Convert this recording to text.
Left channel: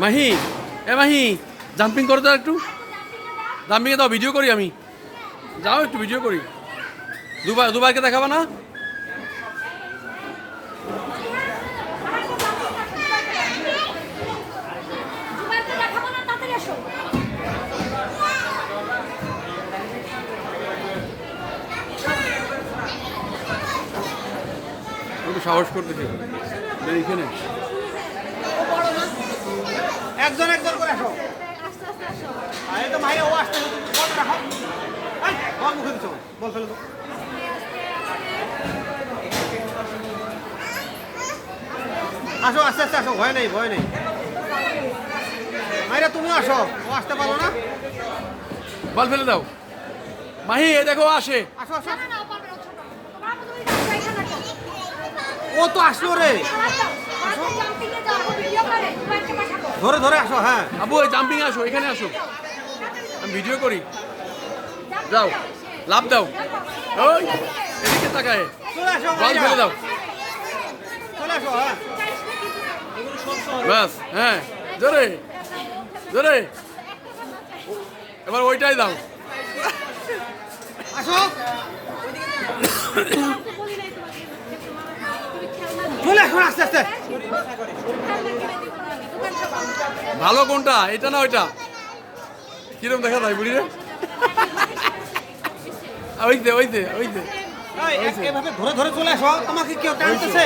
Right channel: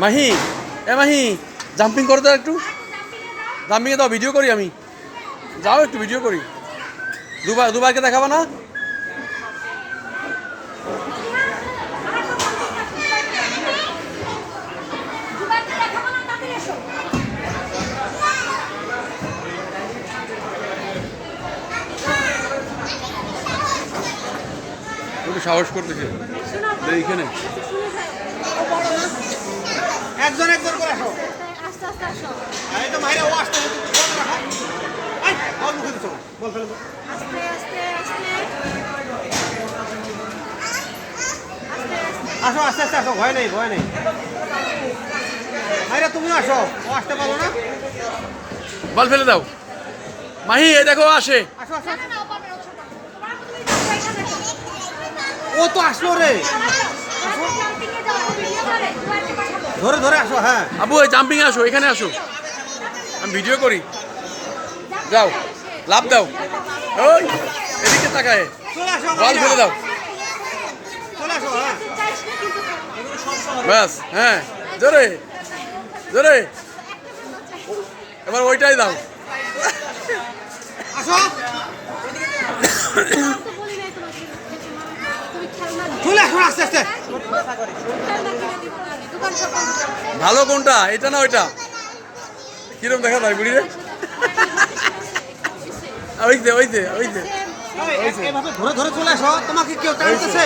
মাহি, এ Mahi, jumping করো তো একটু। জাম্পিংয়ে দাও, ভিডিও করি আমি। যাও একটু ভিডিও করি। দুবাইকে দেখাবো না? একটু সাহস করতেছে এইখানে। একজন একজন করে আসো। আস্তে আস্তে আসো। এই তো মাইরা ও আসতে বল রাখো। এই বল মুখে দিছো, বল ফেলে দাও। আস্তে আস্তে আস্তে আসো আস্তে আস্তে আসো, ভয় নেই ভয় নেই। মাইরা তুমিও আসো, ও আসতে পারো না? বল ফেলে দাও। মাহি, এই দেখো আসে। আসো আসো। না না ও পারবে না, ও ছোট। তোমার মতো তুমি যাও এখানে দেখো। ও তো আসলো রে। জাম্পিং এ যাও, ভিডিও করে তোমাকে পাঠাবো। ধরে ধরে আসো, হ্যাঁ। আবু, এই জাম্পিং আসো, এখানে আসো, আমি ভিডিও করি। যাও, লাভ দাও। ওই এদিকে তাকায়। চলে আসো বল মাইরা। ফেলে দাও। চলে আসো, হ্যাঁ। ব্যাস, হ্যাঁ, জোরে জোরে। এবার ওইটাই দাও। আসো। তো বলি নাই তোমাকে তুমি খেলনা চলে আসো আস্তে আস্তে। খেলনা কিনে দিব না দোকান সব বন্ধ করো। ভালো কোনটা, এটা না ওইটা? কিরম দেখা যায় বুড়ি রে? ওই যে ওই যে ওই যে এভাবে ধরে ধরে চলে আসো, তোমাকে কেউ টানতেছে?